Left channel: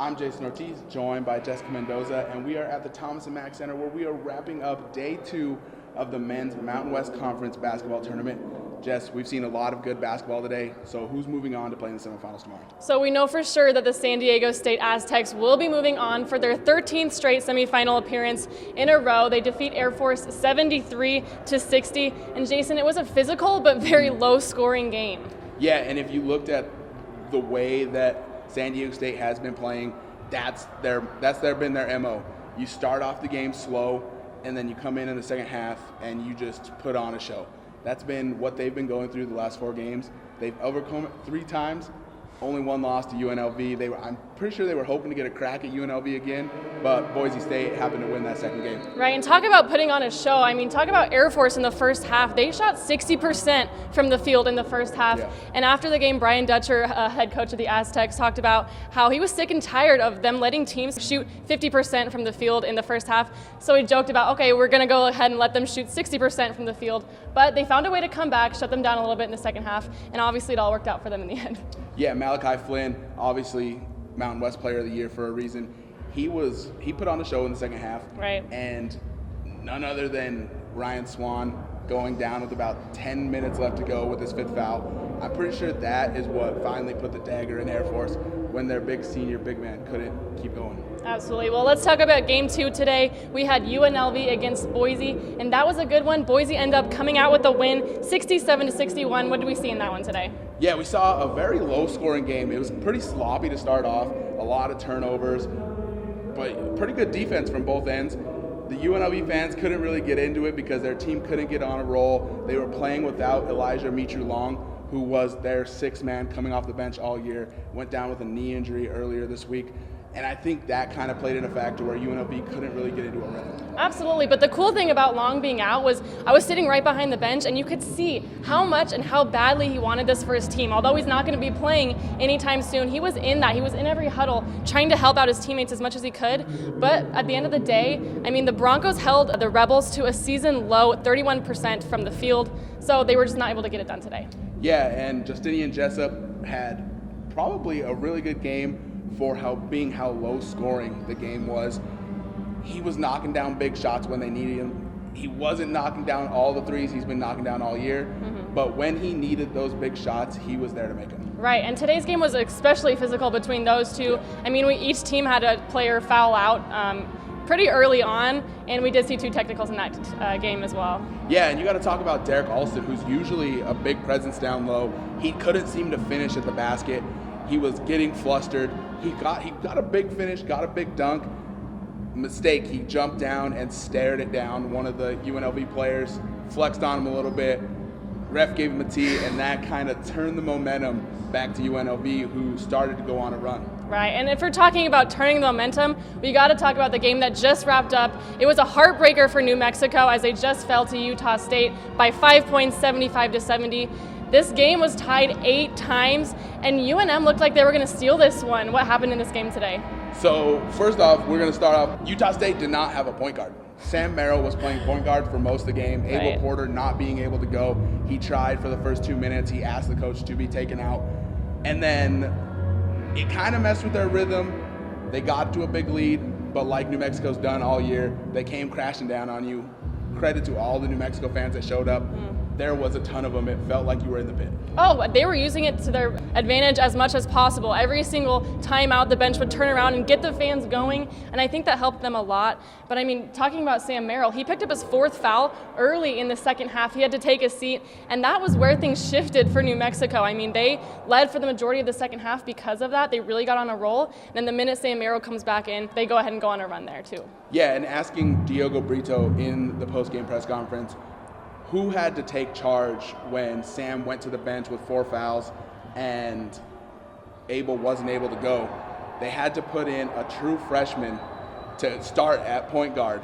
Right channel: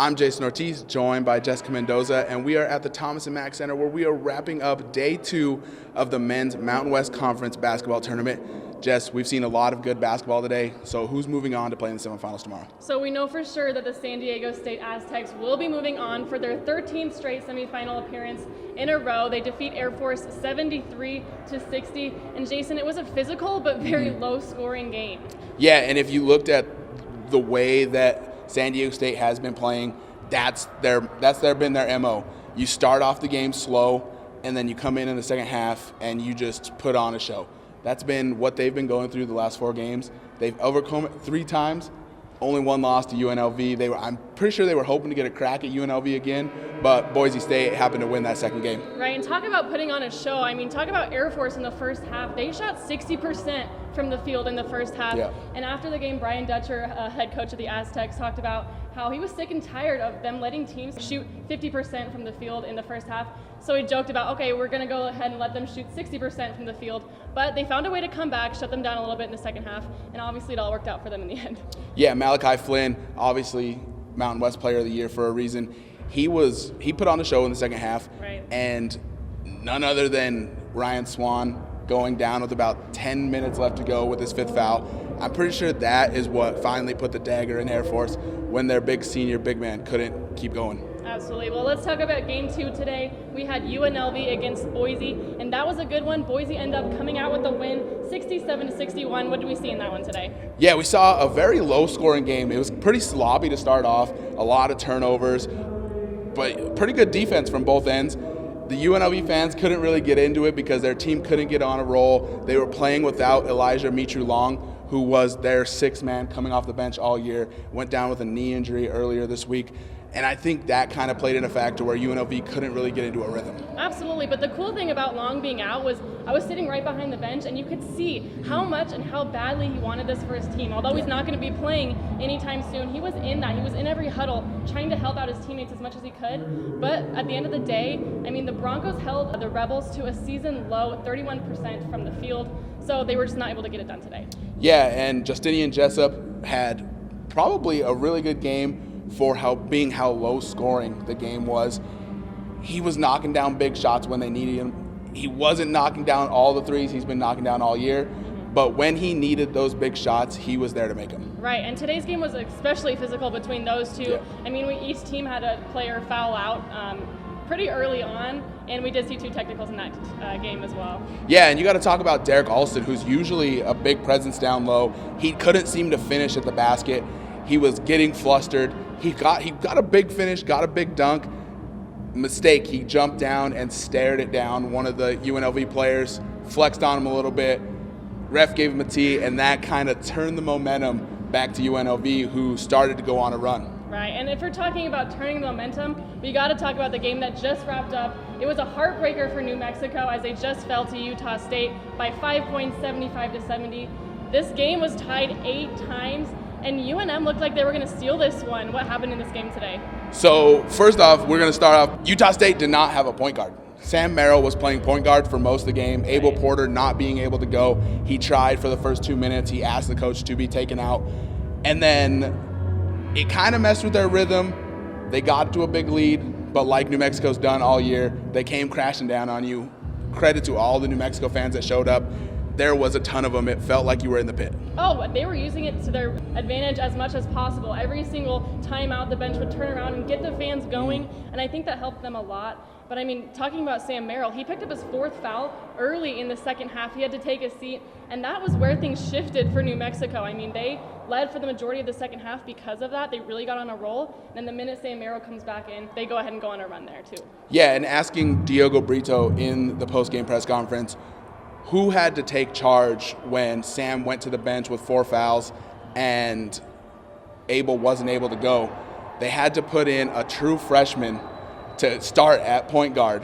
I'm Jayson Ortiz, joined by Jessica Mendoza, and we are at the Thomas & Mack Center where we are wrapping up day 2 of the men's Mountain West Conference basketball tournament. Jess, we've seen a lot of good basketball today, so who's moving on to play in the semifinals tomorrow? So we know for sure that the San Diego State Aztecs will be moving on for their 13th straight semifinal appearance in a row. They defeat Air Force 73-60, and Jayson, it was a physical but very low-scoring game. Yeah, and if you looked at the way that San Diego State has been playing, that's been their MO. You start off the game slow, and then you come in the second half, and you just put on a show. That's been what they've been going through the last 4 games. They've overcome it 3 times, only 1 loss to UNLV. I'm pretty sure they were hoping to get a crack at UNLV again, but Boise State happened to win that second game. Right, and talk about putting on a show. I mean, talk about Air Force in the first half. They shot 60% from the field in the first half. Yeah. And after the game, Brian Dutcher, head coach of the Aztecs, talked about how he was sick and tired of them letting teams shoot 50% from the field in the first half. So he joked about, okay, we're going to go ahead and let them shoot 60% from the field. But they found a way to come back, shut them down a little bit in the second half, and obviously it all worked out for them in the end. Yeah, Malachi Flynn, obviously Mountain West Player of the Year for a reason. He put on the show in the second half, right? And none other than Ryan Swan going down with about 10 minutes left to go with his 5th foul. I'm pretty sure that is what finally put the dagger in Air Force when their big senior big man couldn't keep going. Absolutely. Well, let's talk about game 2 today. We had UNLV against Boise, and that was a good one. Boise ended up coming out with a win, 67-61. What did we see in that one today? Yeah, we saw a very low-scoring game. It was pretty sloppy to start off, a lot of turnovers, but pretty good defense from both ends. The UNLV fans couldn't really get into it because their team couldn't get on a roll. They were playing without Elijah Mitru-Long, who was their 6th man coming off the bench all year, went down with a knee injury earlier this week. And I think that kind of played in a factor where UNLV couldn't really get into a rhythm. Absolutely, but the cool thing about Long being out was I was sitting right behind the bench, and you could see how much and how badly he wanted this for his team. Although he's not going to be playing anytime soon, he was in that. He was in every huddle trying to help out his teammates as much as he could. But at the end of the day, I mean, the Broncos held the Rebels to a season low 31% from the field, so they were just not able to get it done today. Yeah, and Justinian Jessup had probably a really good game for how low scoring the game was. He was knocking down big shots when they needed him. He wasn't knocking down all the threes he's been knocking down all year, but when he needed those big shots, he was there to make them. Right, and today's game was especially physical between those two. Yeah. I mean, each team had a player foul out pretty early on, and we did see 2 technicals in that game as well. Yeah, and you got to talk about Derek Alston, who's usually a big presence down low. He couldn't seem to finish at the basket. He was getting flustered. He got a big finish, got a big dunk. Mistake, he jumped down and stared it down. One of the UNLV players flexed on him a little bit. Ref gave him a tee, and that kind of turned the momentum back to UNLV, who started to go on a run. Right, and if we're talking about turning the momentum, we got to talk about the game that just wrapped up. It was a heartbreaker for New Mexico as they just fell to Utah State by 5 points, 75-70. This game was tied 8 times, and UNM looked like they were going to steal this one. What happened in this game today? So first off, we're going to start off. Utah State did not have a point guard. Sam Merrill was playing point guard for most of the game. Right. Abel Porter not being able to go. He tried for the first 2 minutes. He asked the coach to be taken out. And then it kind of messed with their rhythm. They got to a big lead, but like New Mexico's done all year, they came crashing down on you. Credit to all the New Mexico fans that showed up. There was a ton of them. It felt like you were in the pit. Oh, they were using it to their advantage as much as possible. Every single time out, the bench would turn around and get the fans going, and I think that helped them a lot. But I mean, talking about Sam Merrill, he picked up his 4th foul early in the second half. He had to take a seat, and that was where things shifted for New Mexico. I mean, they led for the majority of the second half because of that. They really got on a roll, and then the minute Sam Merrill comes back in, they go ahead and go on a run there too. Yeah, and asking Diogo Brito in the post-game press conference, who had to take charge when Sam went to the bench with 4 fouls and Abel wasn't able to go? They had to put in a true freshman to start at point guard.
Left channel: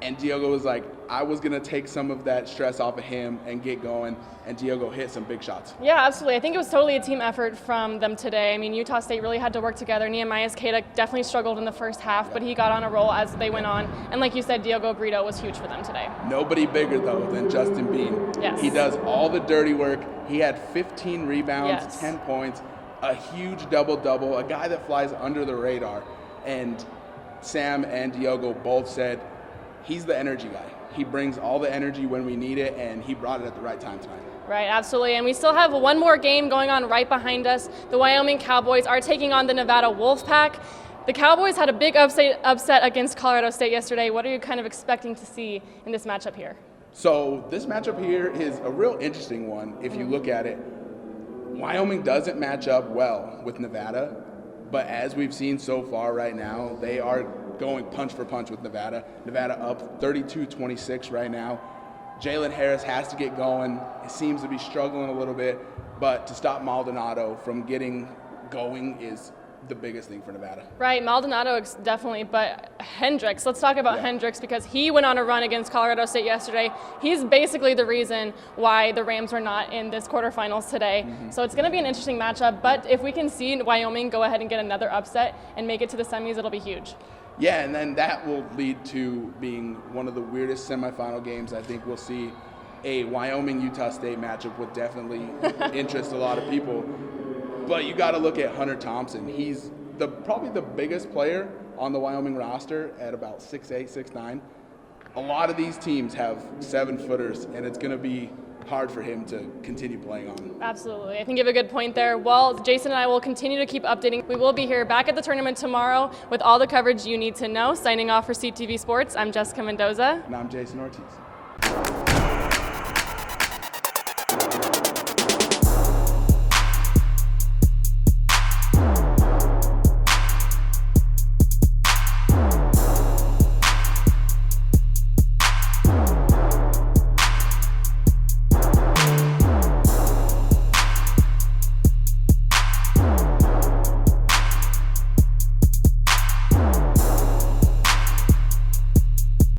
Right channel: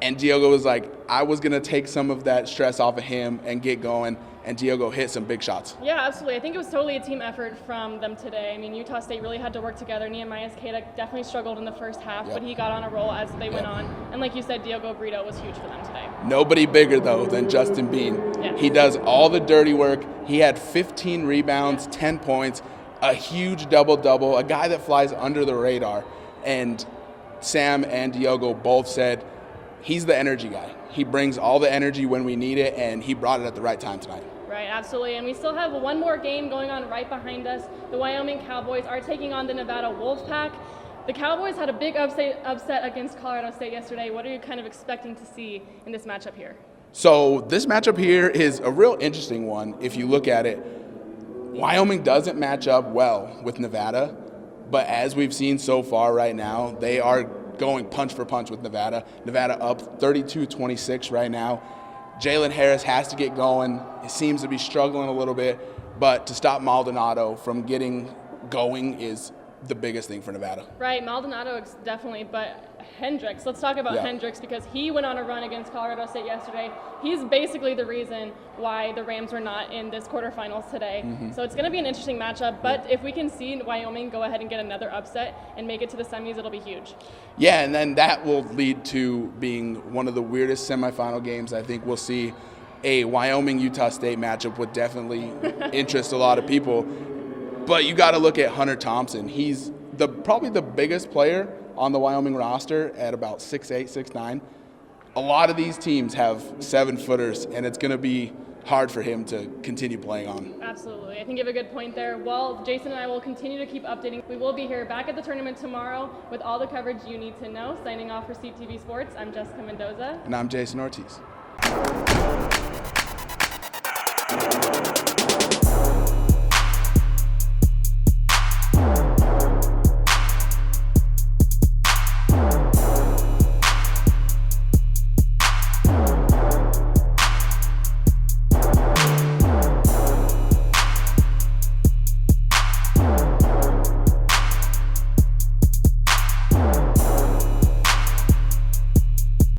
And Diogo was like, I was going to take some of that stress off of him and get going. And Diogo hit some big shots. Yeah, absolutely. I think it was totally a team effort from them today. I mean, Utah State really had to work together. Nehemiah Skata definitely struggled in the first half, but he got on a roll as they went on. And like you said, Diogo Brito was huge for them today. Nobody bigger, though, than Justin Bean. Yes. He does all the dirty work. He had 15 rebounds, 10 points. a huge double-double, a guy that flies under the radar. And Sam and Diogo both said he's the energy guy. He brings all the energy when we need it, and he brought it at the right time tonight. Right, absolutely. And we still have one more game going on right behind us. The Wyoming Cowboys are taking on the Nevada Wolfpack. The Cowboys had a big upset against Colorado State yesterday. What are you kind of expecting to see in this matchup here? So this matchup here is a real interesting one if you look at it. Wyoming doesn't match up well with Nevada, but as we've seen so far right now, they are going punch for punch with Nevada. Nevada up 32-26 right now. Jalen Harris has to get going. He seems to be struggling a little bit, but to stop Maldonado from getting going is the biggest thing for Nevada. Right, Maldonado definitely, but Hendricks, let's talk about Hendricks because he went on a run against Colorado State yesterday. He's basically the reason why the Rams are not in this quarterfinals today. So it's going to be an interesting matchup, but if we can see Wyoming go ahead and get another upset and make it to the semis, it'll be huge. Yeah, and then that will lead to being one of the weirdest semifinal games. I think we'll see a Wyoming-Utah State matchup would definitely interest a lot of people. But you got to look at Hunter Thompson. He's probably the biggest player on the Wyoming roster at about 6'8", 6'9". A lot of these teams have 7-footers, and it's going to be hard for him to continue playing on. Absolutely. I think you have a good point there. Well, Jayson and I will continue to keep updating. We will be here back at the tournament tomorrow with all the coverage you need to know. Signing off for CTV Sports, I'm Jessica Mendoza. And I'm Jayson Ortiz.